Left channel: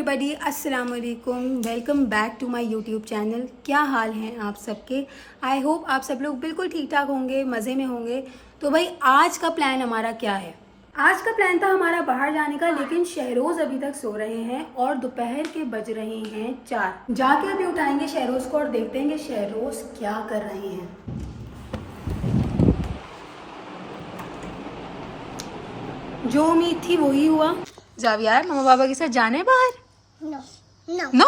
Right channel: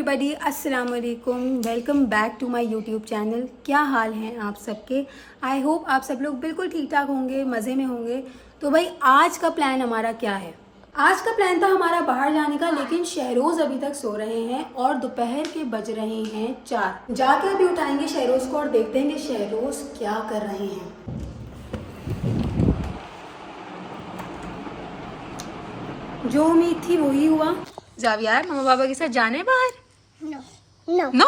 Everybody अस्सलाम वालेकुम, welcome back to my YouTube channel. क्या हाल हैं आप सबके? आई होप आप सब लोग बिल्कुल ठीक ठाक होंगे, मज़े में होंगे। तो भाई आज का प्लान हमारा क्या है? आज का प्लान था हमारा बाहर जाने का, लेकिन शहरोज़ अभी तक सो रहे हैं और दोपहर के बज रहे हैं 4। जाके अभी उठाएंगे शहरोज़ को और देखते हैं कि शहरोज़ क्या कर रहे हैं। जो उम्मीद थी वही हुआ। जावियार मम्मा पापा के साथ जाने बाहर? नो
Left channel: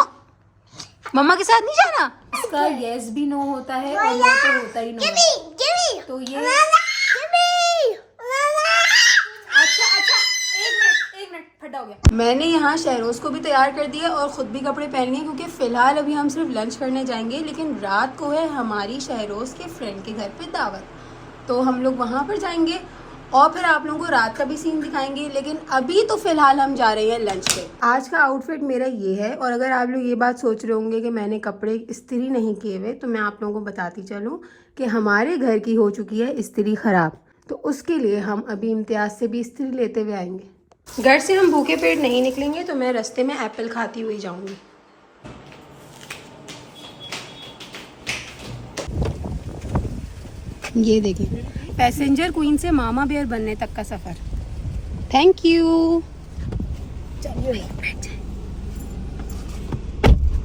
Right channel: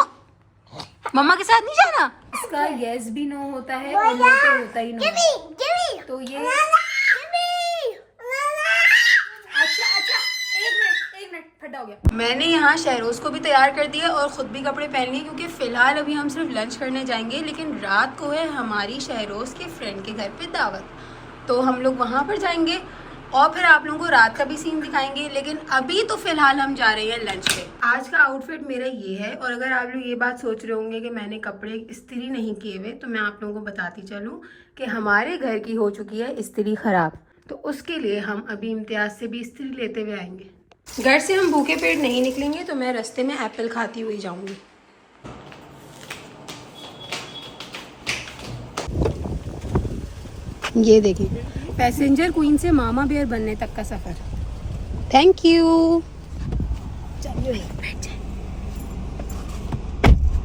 मम्मा के साथ नहीं जाना। इसका यस भी नो होता है और नो तो होता ही नो है। तो ये अच्छा एक मिनट फटा हो गया। मैंने यहाँ शहरोज को भी तैयार कर दिया और खुद भी कपड़े पहन लिए, क्योंकि फिलहाल अभी हम सिर्फ लंच करने जाएंगे, लेकिन रात को है हमारी शहरोज के फ्रेंड के घर पे दावत। तो हम लोग वहाँ पर जाएंगे और फिर आप लोगों को रात का भी सीन दिखाएंगे, लेकिन अभी तो फिलहाल हम जा रहे हैं लंच पे। आज का आउटफिट मेरा ये है, और अगर आप लोग ये बात सोच रहे होंगे कि मैंने कपड़े इस्त्री नहीं किए हुए, तो मैं आप लोगों को बताती चलूँ कि हमारे घर की हो चुकी है इस्त्री खराब, तो उसके लिए हम अभी इम्तियाज से भी इस्त्री लेते हुए आएंगे। घर से हम भूखे पेट नहीं निकलेंगे, तो मैं रास्ते में एप्पल खाती हुई जाऊंगी। ये देखिए, पैसेंजर क्वीन से मामा बेयर बनने तक का सफर। Thank you. चलिए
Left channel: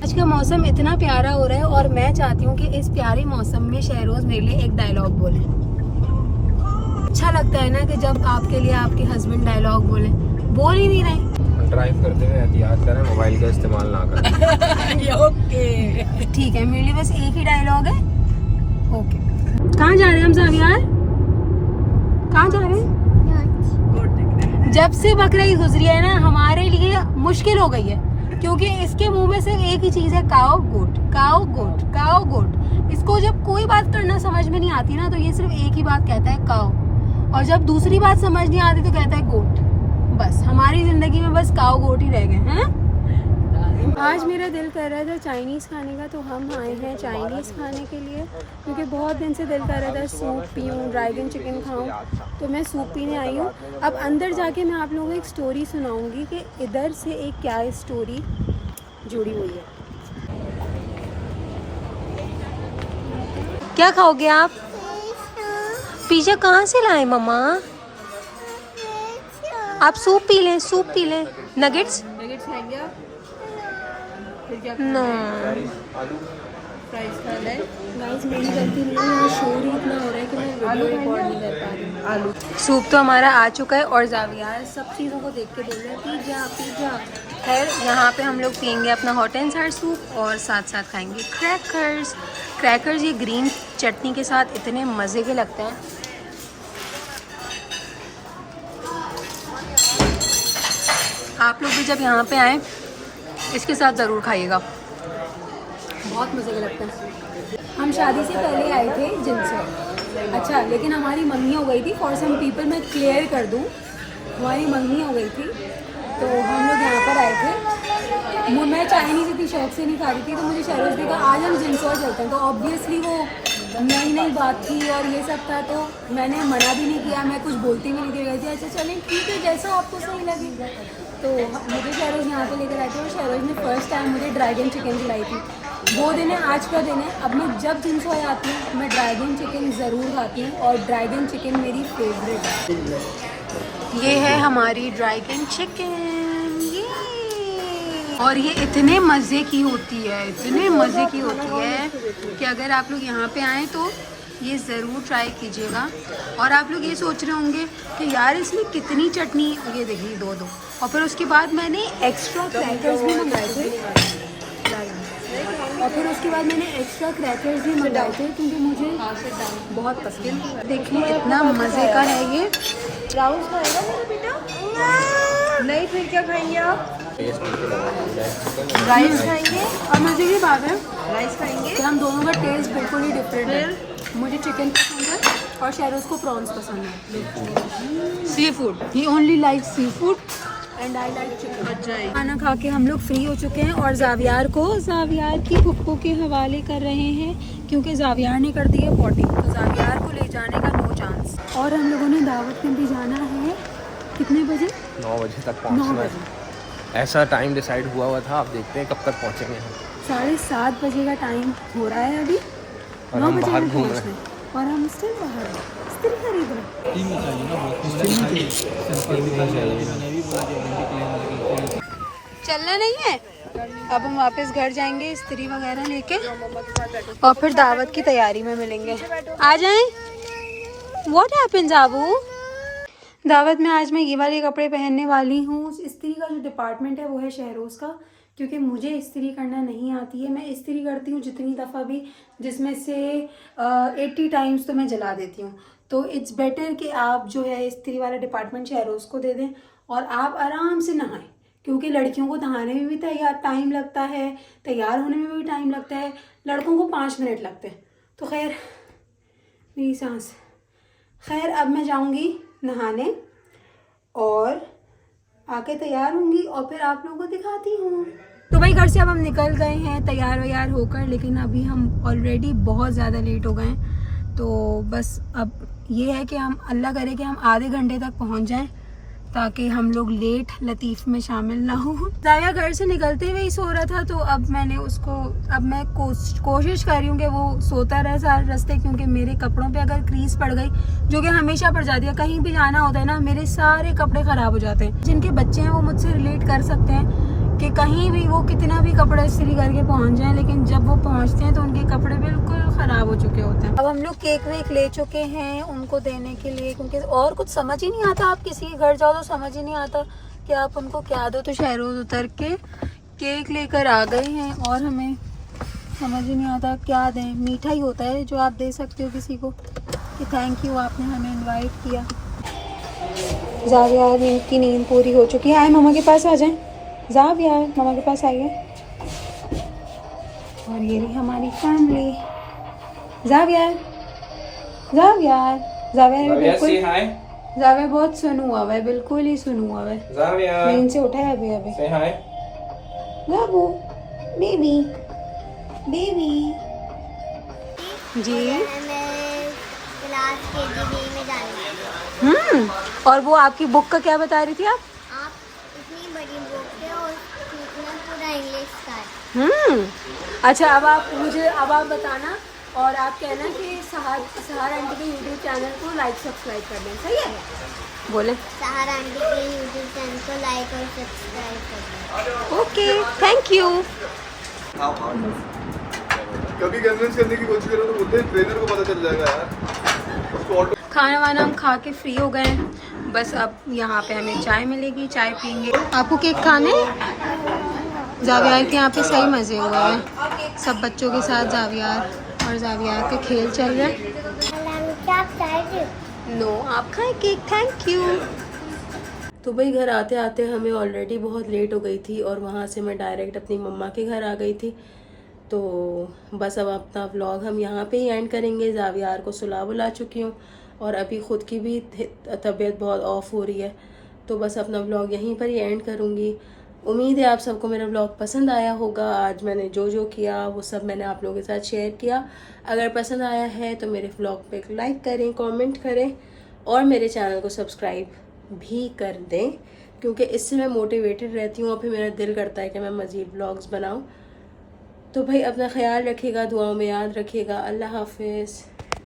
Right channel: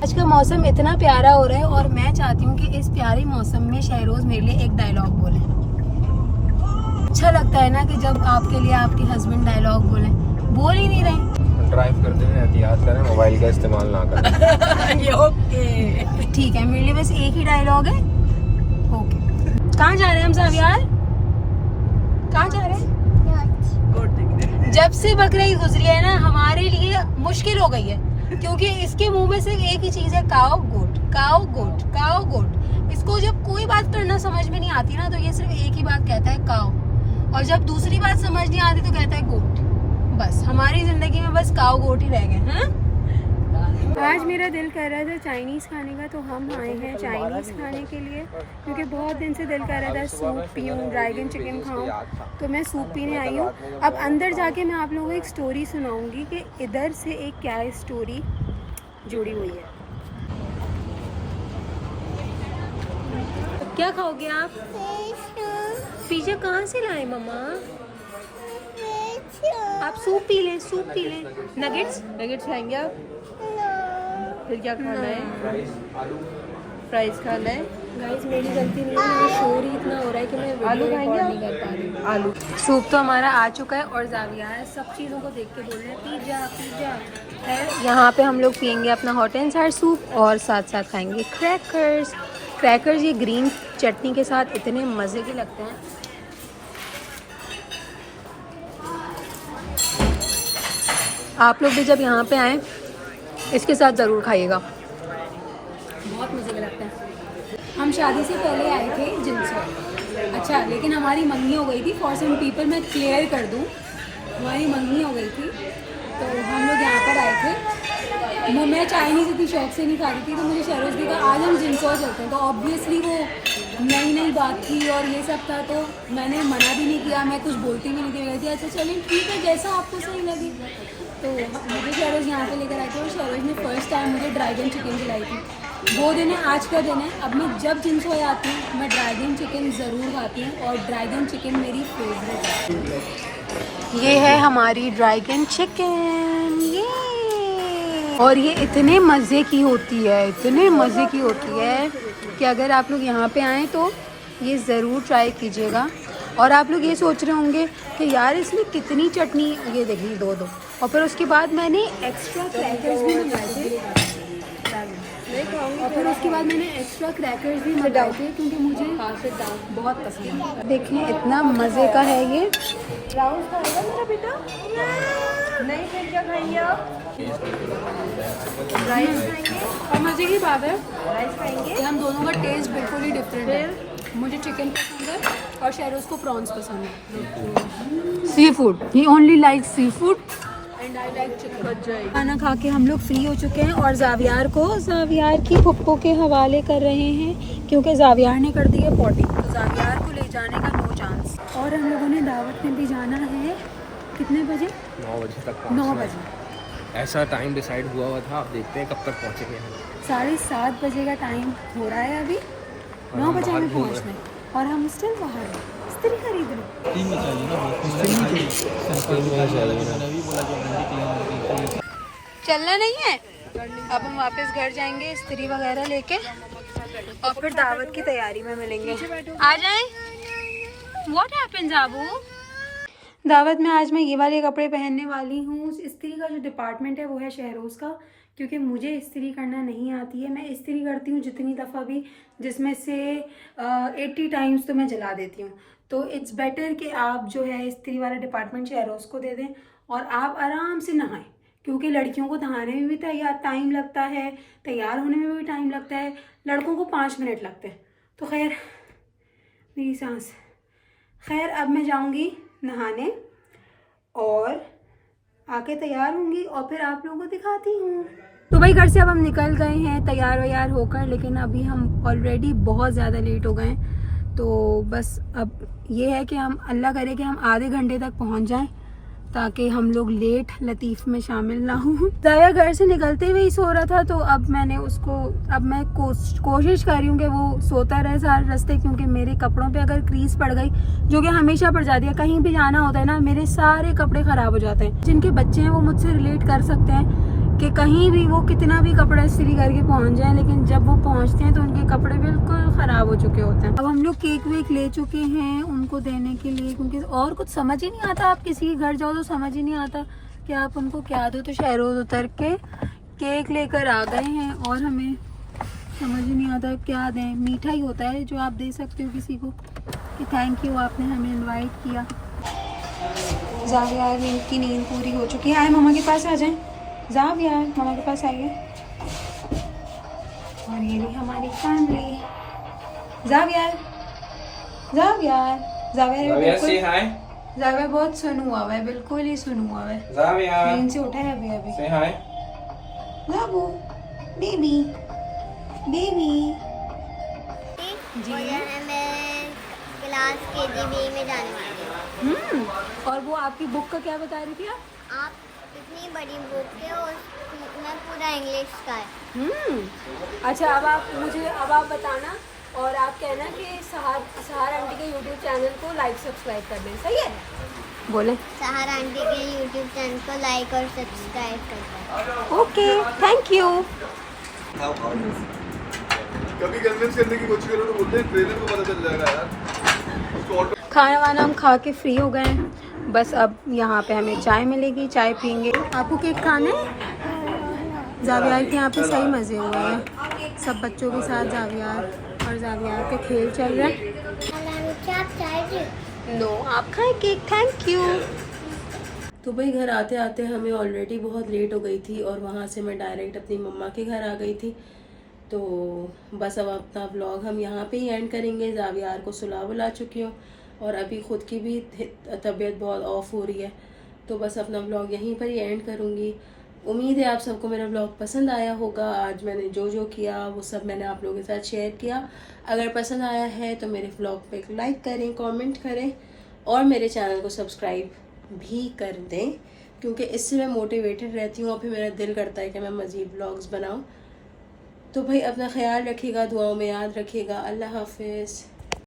आज का मौसम इतना प्यारा हो रहा है, और मैं चाहती हूँ कि इस प्यारे मौसम में शहरोज मेरे लिए एक डायलॉग बोले। अच्छा लगता है ना कि जब आपके लिए आपके हस्बैंड डायलॉग बोले। बोल ही नहीं रहे। ड्राइव करते हुए एहतियात करें, मोबाइल का इस्तेमाल ना करें। ओके ठीक है, मेरे लिए बस एक ही डायलॉग है। ओके कहाँ जा रहे हैं हम जावियार? कहाँ जा रहे हैं? जब से बकरा ईद गुजरी है ना, हमारे लिए मुश्किल हो गई है, क्योंकि इसके मुंह में सिर्फ एक ही चीज है, काओ गोट काओ गोट काओ गोट। इसको जब कोई बात करना समझ में नहीं आती ना, तो ये सिर्फ एक ही बात कहता है, काओ। और जब दूसरी बात समझ नहीं आती तो कहता है गोट। बस हमारी जिंदगी में बस काओ गोट ही रह गए हैं। आज मेरा दिल कर रहा था चाइनीज़ खाने का, तो हम आए हैं चाइनीज़ खाने के लिए, क्योंकि बहुत दिन से दिल कर रहा था सूप पीऊँ, ड्रैगन चिकन खाऊँ, तो मैं सूप पीने आई हूँ। अब अंदर जाके मैं आप लोगों को एक स्टोरी सुनाऊंगी कि इधर से एक क्या स्टोरी जुड़ी हुई है। क्या खाओगे आप? पिज़्ज़ा कहाँ से लाए मम्मा? आप सूप पी लें, सूप पी लें। नगेट्स खाएंगे आप? फिर क्या खाना है? फ्राइज खाना है? गाइस मेरी गलती नहीं है, यहाँ शोर ही इतना हो रहा है कि मैं वीडियो रिकॉर्ड नहीं कर पा रही हूँ। आलू सूप तो हमारा आ चुका है, और जावियार सब चीज़ों को देख के बोल रहे हैं पिज़्ज़ा पिज़्ज़ा। और यहाँ पे हम लोग पियेंगे अपना हॉट एंड सार सूप, और साथ साथ खाएंगे क्रैकर्स। क्रैकर्स ये ग्रीन चटनी के साथ इतने मज़े के लगते हैं। आप लोग भी जब यहाँ पे आएँ इसके साथ ज़रूर खाइएगा, बहुत मज़े का लगता है। हम शादी से पहले आए थे जिनसर। अच्छा, लेकिन हमारी मंगनी हो गई थी। फॉर सम पीपल मैं क्लियर कर दूँ, हमारी मंगनी हो गई थी, तो हम लोग यहाँ पर आए थे। मैं चाइनीज़ इतनी शौक से नहीं खाती थी, तो मुझे शहरोज ने कहा आज हम जिनसर चलते हैं। तो ऑब्वियसली वो नई नई बात थी और ये सब था, तो मैंने मना भी नहीं किया, मैं कुछ बोलती भी नहीं थी। गई थी अच्छा चलें ठीक है, जैसा आपको सही लगे। तो मुझे शहरोज यहाँ पे लेकर आए थे, और शहरोज ने फर्स्ट टाइम मुझे ड्रैगन चिकन खिलाई थी। वो दिन है, आज का दिन है। अब मैं जब जिनसोए आती हूँ मैं ड्रैगन चिकन ज़रूर खाती हूँ, और ड्रैगन चिकन मेरी फेवरेट है। ये है हमारी ड्रैगन चिकन, ये। और ये इतने मज़े की होती है, इतने मज़े की होती है कि अगर आप लोग यहाँ पे आएँ तो ये ज़रूर ट्राई कीजिएगा। और आप लोग ये सोच रहे होंगे कि यार इसमें कितनी चटनी, ये देखिए दो। और फिर उसके बाद मैंने एक्स्ट्रा क्रैकर्स भी मंगाए थे, क्योंकि मुझे बहुत पसंद है। देखिए इतना मज़े का है ये। राउस खाएगा मेरा बेटा? नहीं, फिर क्या खाएंगे आप? राइस खाएंगे? और मज़े की बात है राइस खाएंगे? कि हम दोनों का टेस्ट बिल्कुल ही डिफरेंट है। मुझे चिकन पसंद है और शहरोज को प्रॉन्स पसंद है। Sea food, he only like sea food and I like chicken. खाना खा के हम लोग फ्री हो चुके हैं, और जावियार की पप्पो के हवाले कर रहे हैं, क्योंकि जावियार ने कर दी है पॉटी, तो जावियार को ले जाने का नो चांस। और हम लोगों ने दावत में भी जाना है कितने बजे? 9 बजे तक। 9 बजे। ऐसा टाइम डिसाइड हुआ था, अब देखते हैं कब तक पहुँचेंगे हम। 7:30 बजे का टाइम हो रहा है अभी, 9 बजे हमें घूम रहे पहुँचना है और हम स्टिल बाहर हैं, स्त्री खरीद रहे हैं। टीम में चाहिए ना बहुत। चलना नहीं है। अब हम वापस घर जाएंगे इस्त्री वगैरह लेके और फिर दावत की तैयारी में मिलेंगे। आ जाएं। What happens Abu? दावत में आज मैं ये वाले कपड़े पहनने वाली हूँ। इस्त्री का जो डिपार्टमेंट है वो है शहरोज़ का, क्योंकि मुझे इस्त्री करना नहीं आती है। मैं इस्त्री करती हूँ जितनी दफ़ा भी, जिसमें से 80 टाइम्स तो मैं जला देती हूँ। तो इट्स बेटर कि आप जो है इस्त्री वाला डिपार्टमेंट शहरोज़ को दे दें और आप आराम से नहाएं, क्योंकि लड़कियों को नहाने में भी टाइम लगता है, तैयार होने में भी टाइम लगता है, लड़कों को 5 मिनट लगते हैं। तो खैर मेरी सांस, खैर अब मैं जाऊंगी नहाने और आके तैयार होंगी और फिर आप लोगों को दिखाती हूँ। तो भाई घर से अब हम निकल गए हैं तैयार वैयार होकर, लेकिन अभी हम ऑलरेडी बहुत ज़्यादा लेट हो गए हैं। तो बस अब ये है कि हम अल्लाह करे कि हम आधे घंटे तक पहुँच जाएं, ताकि हम लोग लेट लतीफ़ में शामिल ना हो। जाया घर से निकलते हुए ही सो रहा था, तो अब मैंने उसको, अब मैं कोशिश कर रही हूँ कि वो सोता रहे सारे रास्ते, क्योंकि मेरे कपड़ों पे अगर क्रीज पड़ गई, जो कि हमेशा पड़ जाती है, कहीं भी जाना होता है ना, मेरे सारे कपड़े ख़राब हो जाते हैं। जिनके बच्चे हैं वो मुझसे रिलेट कर सकते हैं कि कहीं भी वो कितना भी कपड़े इस्त्री करके पहुंच जाएं, लेकिन जब वो पहुंचते हैं तो उनके कपड़े बिल्कुल ख़राब हो चुके होते हैं। अब हम लोग केक वेक ले चुके हैं उनको देने के लिए, क्योंकि और कुछ समझ ही नहीं आता। आप किसी के घर जाओ तो समझ ही नहीं आता कि आप उनको क्या दो। तो शहरोज़ उतर के केक लेकर आ गए हैं और हमें समझ ही नहीं आता क्या दें। मीठा ही होता है जो आप दे सकते हो किसी को कि थैंक यू आपने हमें इन्वाइट किया। ज़ाविया की नींद पूरी हो चुकी है। आए मम्मा के पास आ जाएं। ज़ाविया मामा के पास आइए। और ये रही हमारी फैमिली। ज़ाविया ज़ाविया ज़ाविया बिल्कुल, ज़ाविया बहुत सुन हुआ है, बिल्कुल ही सुन हुआ है। नींद से उठा है अभी अभी। ज़ाबू बेबी बेबी जी। मैं क्लास KG में जाने वाली हूँ। और वो आपकी बुक का क्या बता रही थी आप? इतनी बड़ी बुक है और मैं पूरा इंग्लिश का है। अच्छा, अब आप बताना और आप कहना कि सहार आंटी के YouTube चैनल को लाइक सब्सक्राइब कर दें, सही है? बोले सहार आंटी के YouTube चैनल को लाइक और सब्सक्राइब करना है। Okay, thank you. कभी कन्विंस करने की कोशिश करो तो बोलते हैं ट्रेनर को पता चल जाएगा यार। खाना वाना हम खा के फ्री हो गए हैं, बस अब यहाँ पे हमें चाय मिलेगी, चाय पियेंगे। आपको केक खाने? ज़ावियार के यहाँ पे सही मज़े हुए हैं, सब बच्चों के साथ ज़ावियार और ज़ावियार का खेल चल रहा है। नो, आप खाएं केक, थैंक यू। तो भाई घर आते आते हमें ऑलरेडी बहुत लेट हो गई थी और वहाँ से मैं डायरेक्ट अपनी मम्मा के घर आ गई थी। तो बस अब अपना व्लॉग हम यहाँ पे ही एंड करेंगे। ज़ावियार को सुला बुला चुकी हूँ और अभी ख़ुद की भी तबीयत बहुत ऑफ हो रही है, तो बस अपना व्लॉग यहीं पर ही एंड करूँगी। उम्मीद है आप सबको मेरा व्लॉग पसंद आया होगा। आज मैंने जो किया वो सब मैंने आप लोगों के साथ शेयर किया। अगर पसंद आया है तो मेरे व्लॉग पे एक लाइक करें, कमेंट करें और मेरे चैनल को सब्सक्राइब भी कर दें, क्योंकि इससे मैं मोटिवेटेड रहती हूँ और फिर मेरा दिल करता है कि मैं मज़ीद व्लॉग्स बनाऊँ। तो भाई अपना ख्याल रखिएगा, दुआओं में याद रखिएगा। अल्लाह हाफिज़।